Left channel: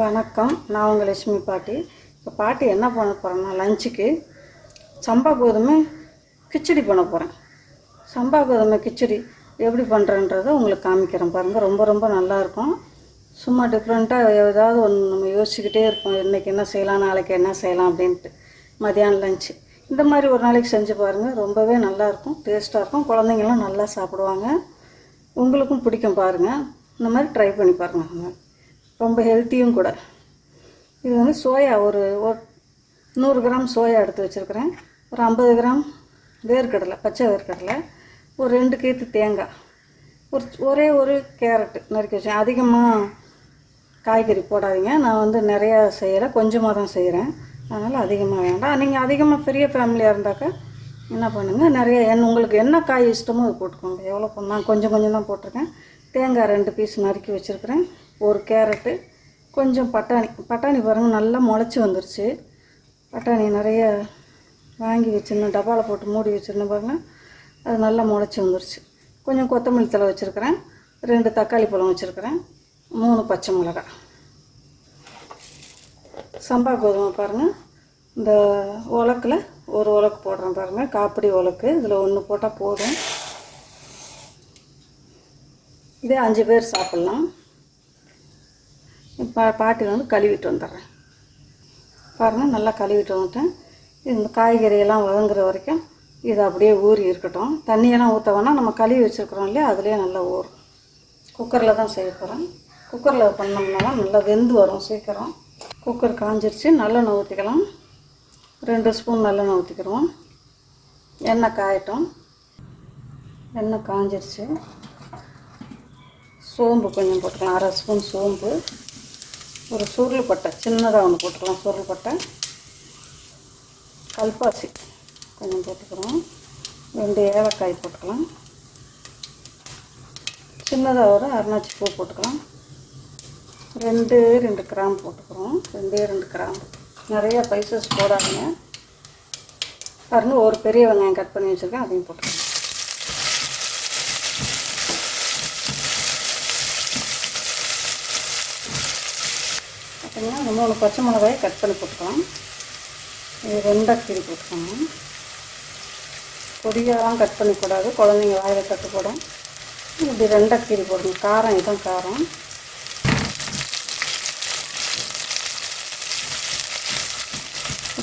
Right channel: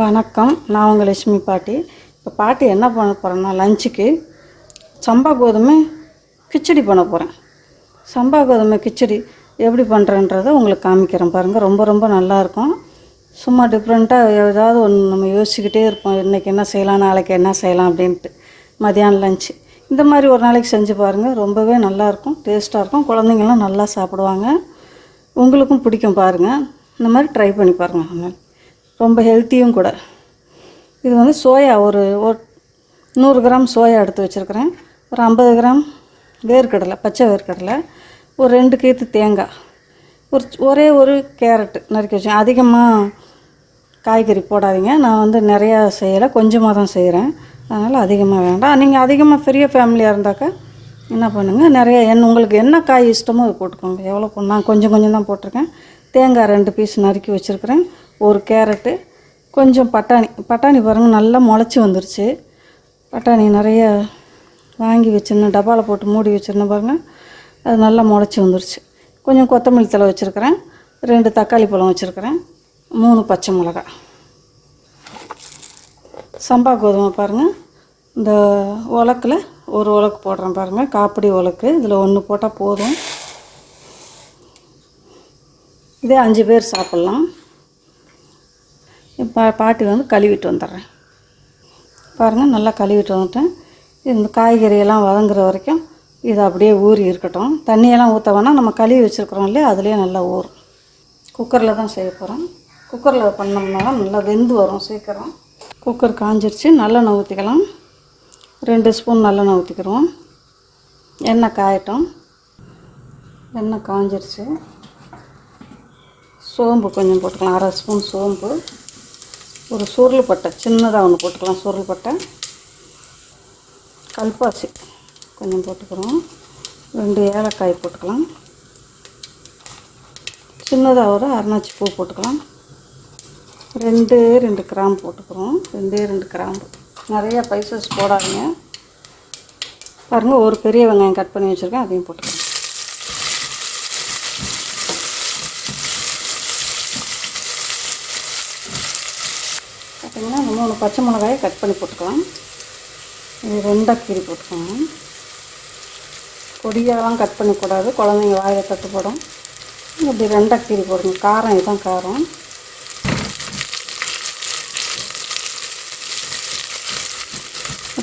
வணக்கம். நான் உங்கள் லட்சுமி பாட்டி. இப்போ பாட்டி என்ன பண்ண போகிறேன்னா, லஞ்சுக்கு சம்பா கோதுமை கிச்சடி பண்ண போகிறேன். சம்பா கோதுமை கிச்சடி எப்படி பண்ணுறேன்றதை உங்களுக்கு காமிக்கிறேன் பாருங்கள். ரொம்ப ரொம்ப நல்லாயிருக்கும். சும்மா டிஃப்ரெண்ட்டாக ஏதாவது ஒன்று நம்ம யோசிச்சுக்கிட்டே இருப்போம், இன்றைக்கி என்ன செய்யலாம், நாளைக்கு என்ன செய்யலாம் அப்படின்ட்டு. மதியானம் லஞ்சு இந்த மாதிரி ஒரு நாளைக்கு செஞ்சு பாருங்கள். ரொம்பவே நல்லாயிருக்கும், டேஸ்ட்டாக இருக்கும். குழந்தைங்கள்லாம் நல்லா சாப்பிடுவாங்க. உங்களுக்கும் பிடிக்கும் பாருங்கள். இந்த மாதிரி ட்ரை பண்ணி பாருங்கள். ரொம்ப ஹெல்த்தியும் கூட. இது வந்து சோயா ஒரு 100 கிராம் சோயா எடுத்து வச்சுருக்கிறேன். ஒரு 50 கிராம் வேர்க்கடலை, பச்சை வேர்க்கடலை, ஒரு 2 கீத்து தேங்காய், ஒரே ஒரு கேரட்டு நறுக்கி வச்சேன். அதிகமாக காய்கறி போடாதீங்க. நான் வந்து நிறையா செய்யலை, கொஞ்சமாக தான் செய்கிறேன். அதனால் அதிகமாக வேண்டாம். நீங்கள் அதிகமாக பெரிய ஃபேமிலியாக இருந்தாக்கா என்ன பண்ணுங்கள், நிறைய உங்களுக்கு என்ன காய் இஷ்டமோ அதை போட்டுக்கோங்க. எவ்வளோ நான் கொஞ்சம் தான் போட்டிருக்கேன். தேங்காய் 2 பீஸ் நறுக்கி வச்சுருக்கிறேன். ஒரு கேரட்டு, கொஞ்சம் பட்டாணி பாருங்கள் நல்லா முளைச்சி வந்துருச்சு. பட்டாணி நிறைய வாங்கி வச்சுருந்தேன், டப்பாவில் போட்டு மூடி வச்சுருந்தேன் பாருங்கள். அது நல்லா முளைச்சி வந்துருச்சு. கொஞ்சம் கொத்தமல்லி தழை வச்சுருக்கிறேன். 2 தக்காளி பழம் வச்சுருக்கிறேன். 3 பச்சை மிளகாய். சம்பா கோதுமை பாருங்கள். இந்த உலக்கில் ஒரு உலக்கு போடுறேன் பாருங்கள். காப்பிடி உலக்கு. இதில் 1 போட்டால் போதும். இதே 5 பேர் சாப்பிட்லாம். இப்போ பாட்டி வந்து கழுவிட்டு வந்துடுறேன் பாருங்கள். நல்லா கழுவிட்டு வந்துட்டேன். இந்த காய்கறியெல்லாம் வதங்குற வரைக்கும் இது அப்படியே ஊறி இருக்கட்டும். தண்ணியெல்லாம் ஊற்ற வேணாம். நம்ம கழுவி வச்சுருக்குறோம் இல்லையா, அதுலேயே நல்லா ஊறும். குக்கரில் தான் செய்ய போகிறேன். குக்கரில் பண்ணோம்னா நல்லா வெந்து வரும் சீக்கிரம். குக்கர் காஞ்சிருச்சு. நல்லெண்ணெய் ஊற்றிக்கலாம். 2 ஸ்பூன் நல்லெண்ணெய் ஊற்றிக்கிறோம். எண்ணெய் காயட்டும். எண்ணெய் காஞ்சிருச்சு. சோம்பு கொஞ்சம் போட்டுக்கலாம். 1/2 ஸ்பூன் சோம்பு. ஒரு சுருள் பட்டை சின்னதாக ஒன்று போட்டுக்கலாம். சுருள் பட்டை, கல்பாசி கொஞ்சம் போட்டுக்கிறோம். 2 ஏலக்காய் போட்டுக்கலாம். சின்னதாக ஒரு அரைநாச்சி பூ போட்டுக்கலாம். 2 கிராம்பு போட்டுக்கிறோம். 2 கிராம்பு. நிறையா ஸ்பைசஸ் போடாதீங்க பாருங்கள். ஒரு பெரிய வெங்காயம் கட் பண்ணி வச்சுருக்கேன், அதையும் போட்டுக்கலாம். பார்த்திங்கன்னா அந்த 3 பச்சை மிளகாயை கட் பண்ணி போட்டுக்கலாம். இது 2 கீரி போட்டுக்கோங்க. பொடியெல்லாம் கட் பண்ணிக்கூடாது, குழந்தைங்க வாயில் கட்டுப்படும். இப்படி 2 கீரி போடுங்க. காரம் இதுதான் காரம்.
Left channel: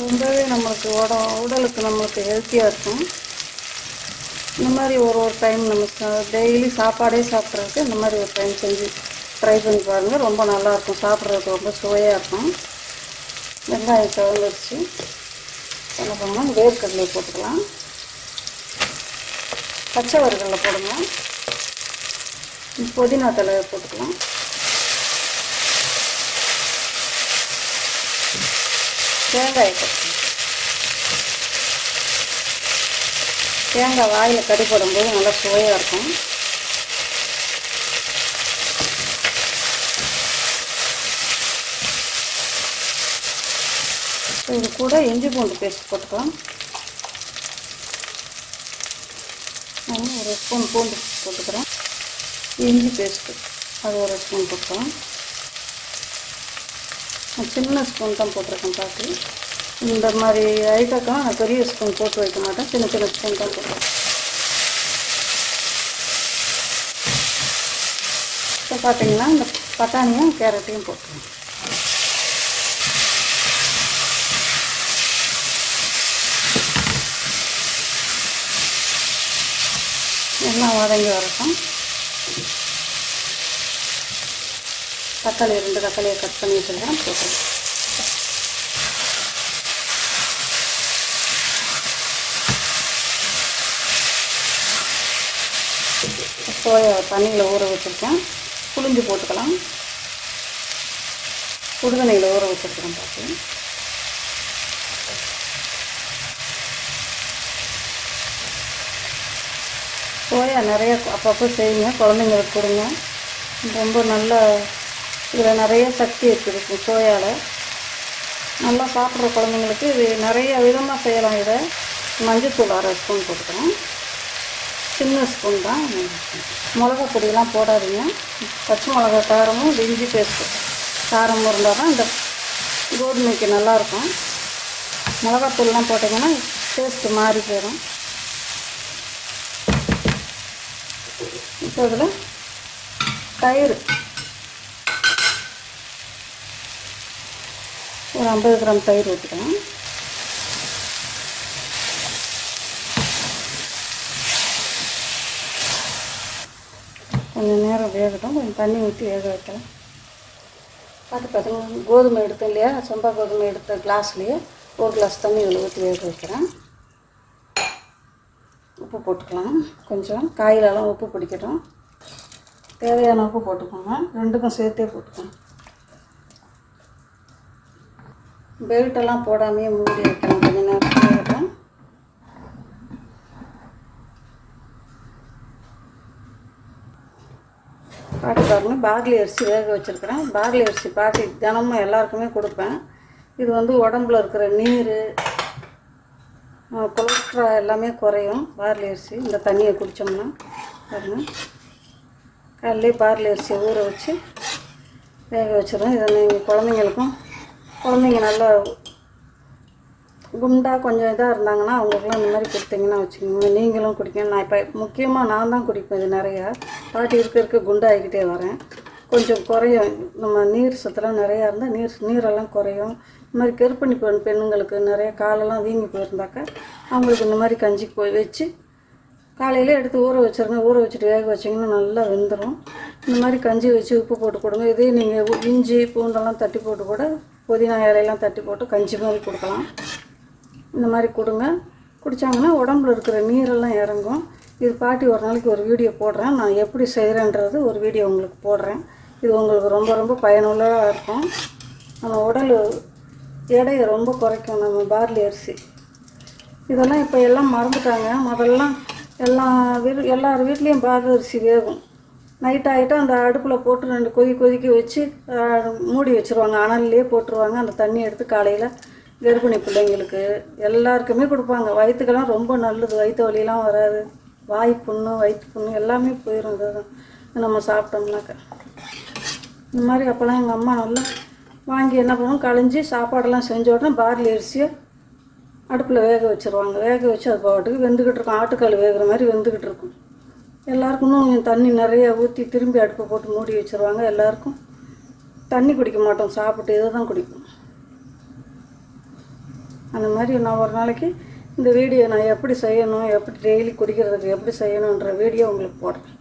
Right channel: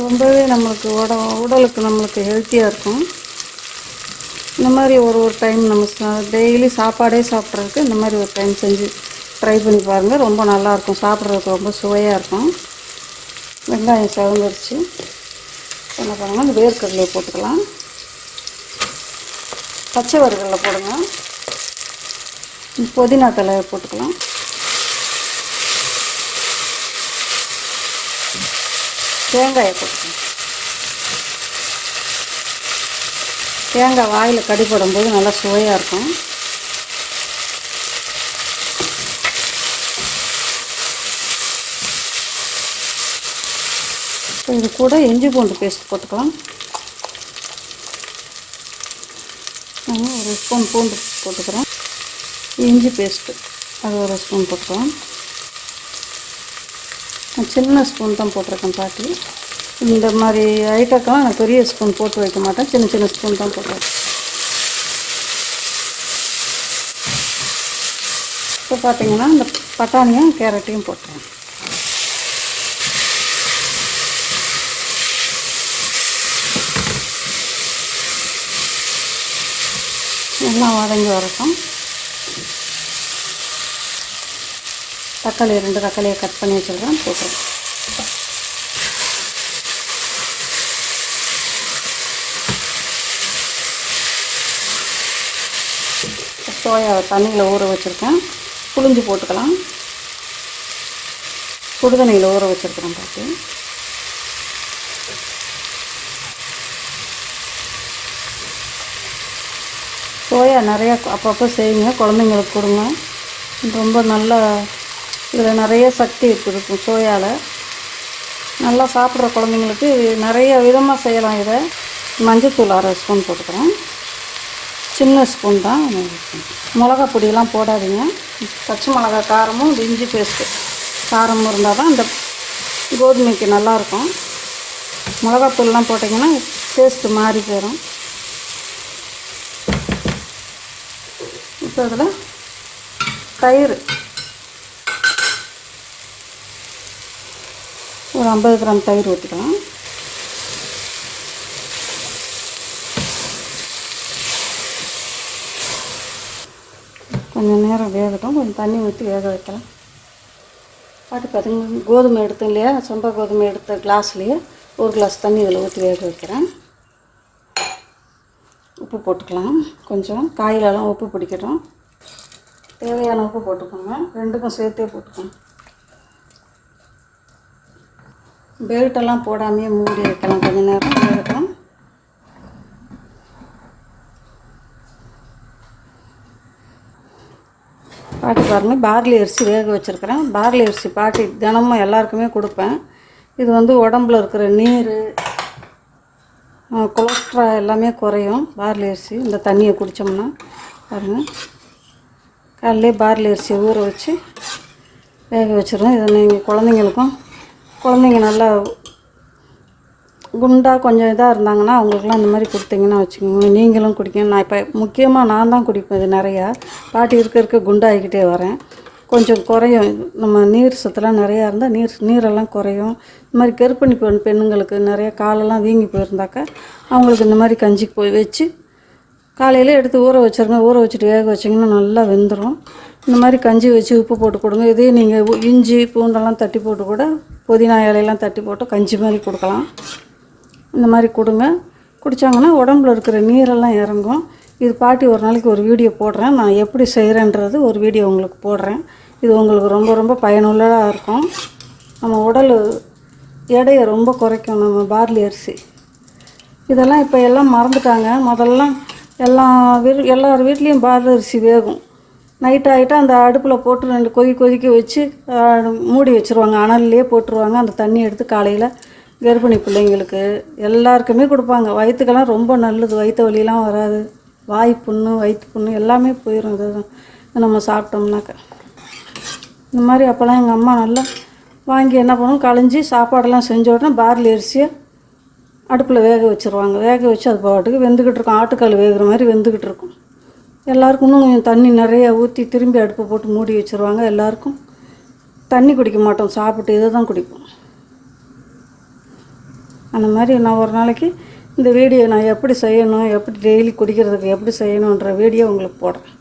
ரொம்பவே நம்மளுக்கு உடலுக்கு நம்மளுக்கு ஹெல்த்தியாக இருக்கும். இந்த மாதிரி ஒரு டைம் நம்ம டெய்லி சாப்பாடே சாப்பிட்றதுக்கு இந்த மாதிரி ஒரு டைம் செஞ்சு ட்ரை பண்ணி பாருங்கள். ரொம்ப நல்லாயிருக்கும். சாப்பிட்றதுக்கு ரொம்ப சுவையாக இருக்கும். வெங்காயம் செவந்துருச்சு. என்ன பண்ணலாம், வேர்க்கடலையை போட்டுக்கலாம். பச்சை வேர்க்கடலை போடுங்க. புதினா தழை போட்டுக்கலாம். தேங்காயை போட்டுக்கலாம். தேங்காய் வாயில் கடிப்படும்போது நல்லா சுவையாக இருக்கும். இது கூட இஞ்சி பூண்டு பேஸ்ட் போட்டுக்கலாம். நான் 1 ஸ்பூன் பூண்டு போட்டுக்கிறேன். இஞ்சி பேஸ்ட்டு அது 1 ஸ்பூன் போட்டுக்கலாம். சின்ன ஸ்பூன் தான் போட்டிருக்கேன் பாட்டி. இந்த மாதிரி ஐட்டக்கெல்லாம் நான் பெரிய ஸ்பூன் போட்டு வைக்க மாட்டேன், சின்ன ஸ்பூன் தான் போட்டுருவேன். இப்போ பார்த்தீங்கன்னா இந்த பட்டாணியும் கேரட்டையும் போட்டுருவேன். எல்லாம் வதங்கி வரட்டும். தக்காளி 2 தக்காளியை கட் பண்ணி வச்சுருக்கேன், போட்டுருவேன். சோயா தண்ணியில் ஊற வச்சுருக்கேன், புளிஞ்சு போட்டுக்கலாம். சுடுதண்ணியில் ஊற வச்சுருக்கிறேன் பார்த்து. சோயா நிறையா அப்பப்போ செய்யுங்க, குழந்தைங்களுக்கு கொடுங்க. ரொம்ப நல்லா இதில் நிறைய சக்தி இருக்குது சோயாவில். நல்லா சாப்பிட்ற குழந்தைங்களுக்கு இது நிறைய விதமாக செய்யலாம். இதை மஞ்சத்தூள் 1/2 ஸ்பூன் போட்டுக்கிறேன். சின்ன ஸ்பூன் தான். மிளகா பொடியெல்லாம் போடாதீங்க. பச்சை மிளகா காரமும் இஞ்சி பேஸ்ட்டு காரம் இருந்தால் தான் இந்த கோதுமைக்கு நல்லாயிருக்கும். மிளகாத்தூள்லாம் போட்டிங்கன்னா டேஸ்ட்டு மாறி போயிடும். இப்போ இதில் தயிர் ஒரு 50 கிராம் தயிர் ஊற்றிக்கலாம். கொஞ்சம் நேரம் வேகட்டும். கொஞ்சம் தண்ணி ஊற்றி வேக வைக்கலாம். பார்த்திங்கன்னா கோதுமை எடுத்தோம் இல்லையா, சம்பா கோதுமை எடுத்த கிளாஸ்லேயே ஒரு கிளாஸ் தண்ணி இதில் ஊற்றி வேக வைக்கிறேன். உப்பு போட்டுக்கலாம். கொஞ்சம் காயிலெல்லாம் உப்பு பிடிக்கட்டும். தேவையான உப்பு போட்டுக்கோங்க. ரெண்டுக்கும் சேர்த்தே போட்டுக்கோங்க. பெல்ட்டெல்லாம் போடாமையே மூடி வைக்கலாம். கொஞ்சம் நேரம் வேகட்டும். பாட்டி பாருங்கள், பார்லி அரிசி வேக வச்சுருக்கிறேன். பார்லி அரிசி பாட்டி தினமும் எல்லாருக்குமே கொடுப்பேன். இது வந்து உடம்புல இருக்கிற நீர், கொலஸ்ட்ரால் எல்லாமே குறையும் பார்லி அரிசி. இந்த தண்ணியை குடித்தோம்னா பாருங்கள், காலையிலே பார்லி அரிசியை ஊற வச்சு வேக வச்சுருவேன். இதை நீங்கள் குழந்தைங்க நல்லா குண்டாக கொஞ்சம் இதாக இருந்தாங்கன்னா அவங்களுக்குலாம் இந்த மாதிரி கொடுத்தீங்கன்னா வச்சுக்கோங்க, நீங்களும் குடிக்கணும். நான் இப்போ முக்கியமாக நான் தான் குடிப்பேன். இது நிறையா பாட்டி இருக்க குண்டாகிக்கிட்டே வரேன். கொஞ்சம் குறையும். நம்ம நீர் சத்துலாம் நிறையா இருந்தால் நீரெல்லாம் குறையும். இந்த மாதிரி கர்ப்பிணி பெண்ணுங்களுக்கு நிறைய காலெல்லாம் வீங்கி போயிருந்தாக்கா அவங்களுக்கு இந்த மாதிரி கஞ்சி போய் வச்சு காலையில் எடுத்து ஊற வச்சுருங்க. ஊற வச்சுட்டு வேக வச்சிங்கன்னா நல்லா வெந்துடும். இந்த மாதிரி கஞ்சி வச்சு உப்பு போட்டு கொடுங்க. இதே நீங்கள் இஞ்சி பூண்டெல்லாம் தட்டி போட்டு கூட, புதினா இலையெல்லாம் தட்டி போட்டு கஞ்சி மாதிரி கொடுக்கலாம். இந்த மாதிரி கொடுங்க. குடித்தாங்கன்னா உடம்புல இருக்கிற நீரெல்லாம் இறங்கும். இது பாட்டி ஒரு நாளைக்கு ஒரு வீடியோ போடுறேன். நான் எப்படி செய்கிறேன்றது ஒரு வீடியோ உங்களுக்கு போடுறேன். இது உங்களுக்கு ரொம்ப ரொம்ப பயனுள்ளதாக இருக்கும். நம்ம உடல் எடையை ரொம்ப குறைக்கும் நம்ம பார்லி அரிசி. இதெல்லாம் இப்போ எல்லாம் மறந்துட்டாங்க. முதல்லாம் எல்லார் வீட்லேயும் பார்லி அரிசி வேகும். நைட் ஆகிட்டா அந்த அடுப்பில் போட்டு 2 கொதிக்க வச்சு மூடி வச்சுருவாங்க. அனல்லையே போட்டுருவாங்க. அந்த தண்ணி எடுத்து காலையில் கர்ப்பிணி பிள்ளைங்களுக்கு எல்லாருக்குமே கொடுப்பாங்க. வயிற்றுக்கெல்லாம் ரொம்ப நல்லது. வயிற்று வலியெல்லாம் வராது. வாய் புண்ணு, வயிற்று புண்ணு எல்லாமே போயிடும். இதை நம்ம சாப்பிட்டோம்னாக்க. இந்த மாதிரி அப்போல்லாம் எங்கள் அம்மா நல்லா வாங்கி என்ன பண்ணுவோம், களைஞ்சி சாப்பாடெல்லாம் செஞ்ச உடனே பார்லி அரிசியை அடுப்பில் வேக வச்சுருவாங்க. வேக வச்சு அது பாட்டுக்கு வெந்துக்கிட்டு இருக்கும். ஆட்டுக்கால் வேகிற மாதிரி வெந்துக்கிட்டு இருக்கும். எல்லாருக்கும் இன்னும் கொஞ்சம் தண்ணி நிறைய ஊற்றி திரும்பி அடுப்பை போட்டு மூடி வச்சுருவாங்க. எல்லாருக்கும் தண்ணி குடிக்க மாட்டோம். சாப்பிட்டு இதை தான் குடிப்போம். அந்த மாதிரி நான் ஒரு நாளைக்கு இந்த வீடியோ நான் எப்படி செய்யணும், எப்படி டெய்லி குடிக்கிறதுக்கு எப்படி செய்யணுன்ற வீடியோ உங்களுக்கு போடுறேன்.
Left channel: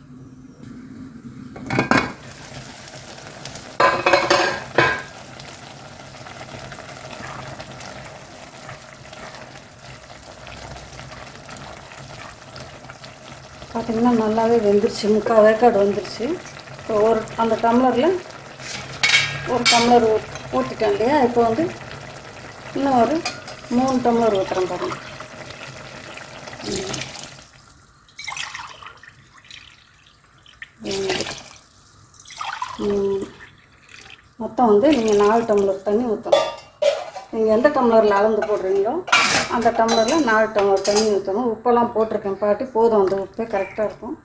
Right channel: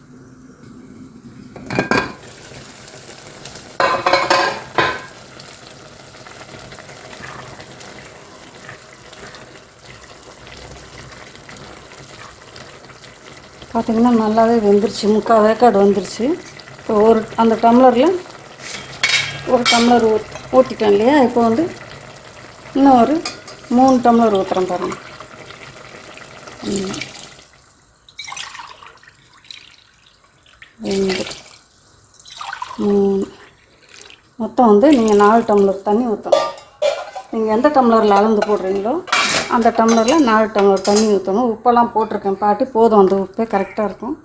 பார்த்திங்கன்னா நல்லாவே வெந்துருச்சு. 3/4 வேக்காடு வந்துருச்சு. அந்த டம்ளரில் ஒரு டம்ளர் ஊற்றிட்டேன் இல்லையா. இப்போ வந்து இன்னும் ஒரு 3 டம்ளர் ஊற்றுறேன் பாருங்கள். மொத்தம் வந்து நீங்கள் 4 டம்ளர் தண்ணி ஊற்றணும். நீங்கள் எந்த டம்ளரில் அளந்து போடுறீங்களோ அந்த டம்ளரில் 4 டம்ளர் தண்ணி ஊற்றணும். உப்பெல்லாம் போட்டிருக்கேன் பாட்டி, போதும். அந்த உப்பே கரெக்டாக இருக்கும்.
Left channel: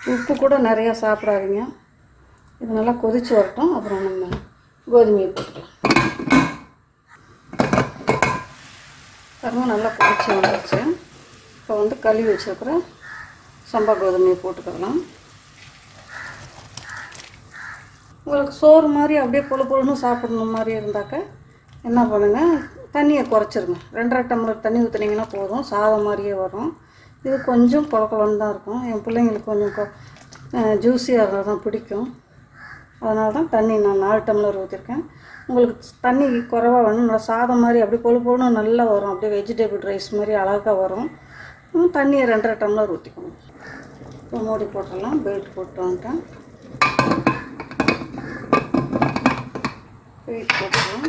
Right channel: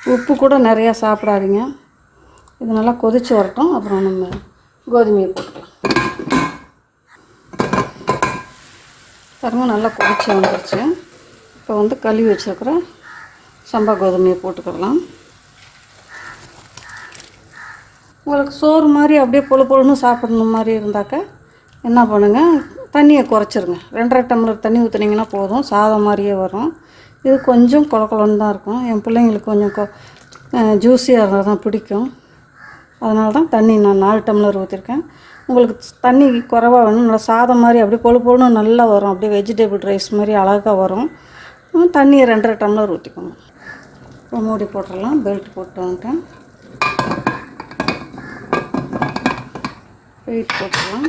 உப்பு கூட நிறையா சாப்பிடாதீங்க. இது நல்லா கொதித்து வரட்டும். அப்புறம் நம்ம கோதுமையை போட்டுக்கலாம். பாருங்கள், நல்லா கொதிச்சு வந்துடுச்சு. இப்போ வந்து கழுவி வச்சுருக்கிற சம்பா கோதுமையை போட்டுக்கலாம். உங்களுக்கு சோறு மாதிரி அப்படியே பொழுன்னு சாப்பிடணும் மாதிரி இருந்தாக்க என்ன பண்ணுங்கள், தண்ணியை குறைச்சிருங்க. 2.5 டம்ளர் தண்ணி ஊற்றுனீங்கன்னா போதும். சாதம் மாதிரியே வரும். இது கொஞ்சம் குழக்குழன்னு தான் இருக்கும். என் பிள்ளைங்களுக்கு கொஞ்சம் ஜூஸியாக இருந்தால் தான் பிடிக்கும். அதனால தான் தண்ணி நான் 4 டம்ளர் ஊற்றிருக்கேன். உங்களுக்கு தண்ணி குறைவாக வேணும், நல்லா சாதம் மாதிரி அப்படியே பொழுன்னு நல்லா வரும். அப்படியே வெஜிடபிள் ரைஸ் மாதிரி அழகாக வரும். தண்ணியை 2.5 டம்ளர் ஊற்றிக்கோங்க. இப்போ மூடி போட்டுடலாம். பெல்ட் போட்டு வந்துட்டேன். வெயிட் போட்டுக்கலாம்.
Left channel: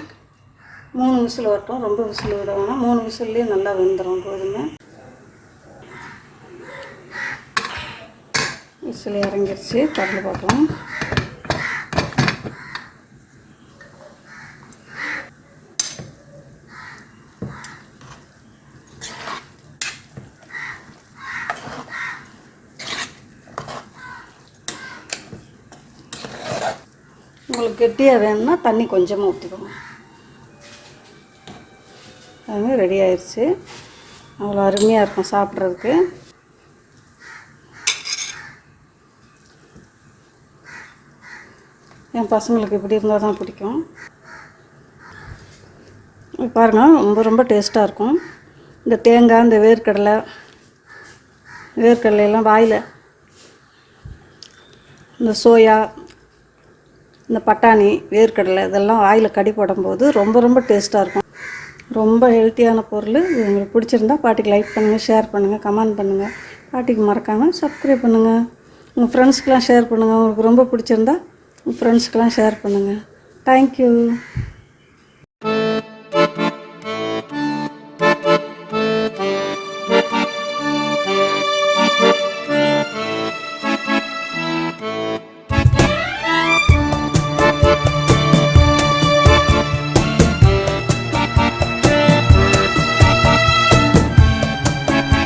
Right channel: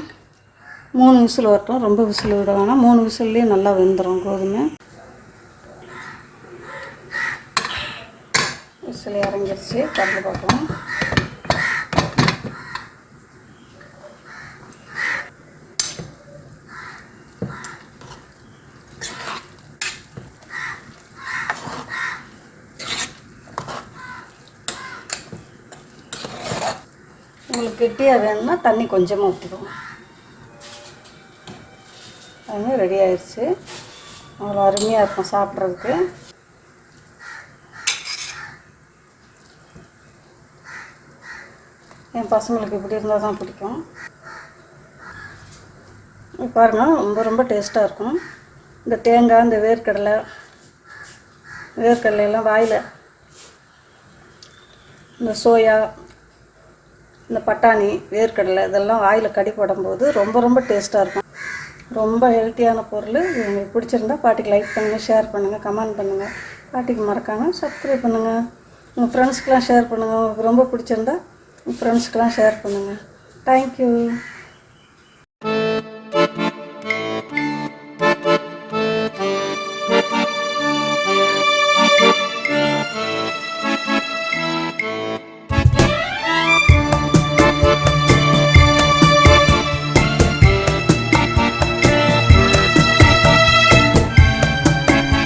3 விசில் வரட்டும். ரொம்ப விசில் விட வேணாம். 3 விசில்லேயே நல்லா வெந்துடும் கோதுமை. விசில் இறங்கிடுச்சு. கடலை பார்க்கலாம். உங்களுக்கு உங்களுக்கு கெட்டியாக வேணும்னா தண்ணி கொஞ்சமாக ஊற்றிக்கோங்க. அதுமாதிரி ரெடி ஆயிடுச்சு. அவ்வளோ அருமையாக இருக்கும் சாப்பிட்றதுக்கு. என் பசங்களுக்கு இப்படி இருந்தால் தான் பிடிக்கும். பாருங்கள், ரொம்ப ரொம்ப டேஸ்ட்டாக இருக்கும். இந்த தேங்காய், இந்த வேர்க்கடலையெல்லாம் வாயில், இந்த சோயா, இந்த பட்டாணி, வேர்க்கடலை இதெல்லாம் வாயில் கடி போடும்போது ரொம்ப ரொம்ப டேஸ்ட்டாக இருக்கும். ரொம்ப ஹெல்த்தியான பொருள். உங்களுக்கு பிடிச்சிருந்தா பாட்டிக்கு லைக் பண்ணுங்கள், ஷேர் பண்ணுங்கள், கமெண்ட் பண்ணுங்கள். பாட்டிக்கு மறக்காமல் சப்ஸ்கிரைப் பண்ணுங்கள். உங்கள் ஃப்ரெண்ட்ஸ்க்கெலாம் ஷேர் பண்ணுங்கள். உங்களுக்கு ரொம்ப பிடிச்சிருந்தா உங்கள் ஃப்ரெண்ட்ஸ்க்கெலாம் ஷேர் பண்ணுங்கள். தேங்க்யூ.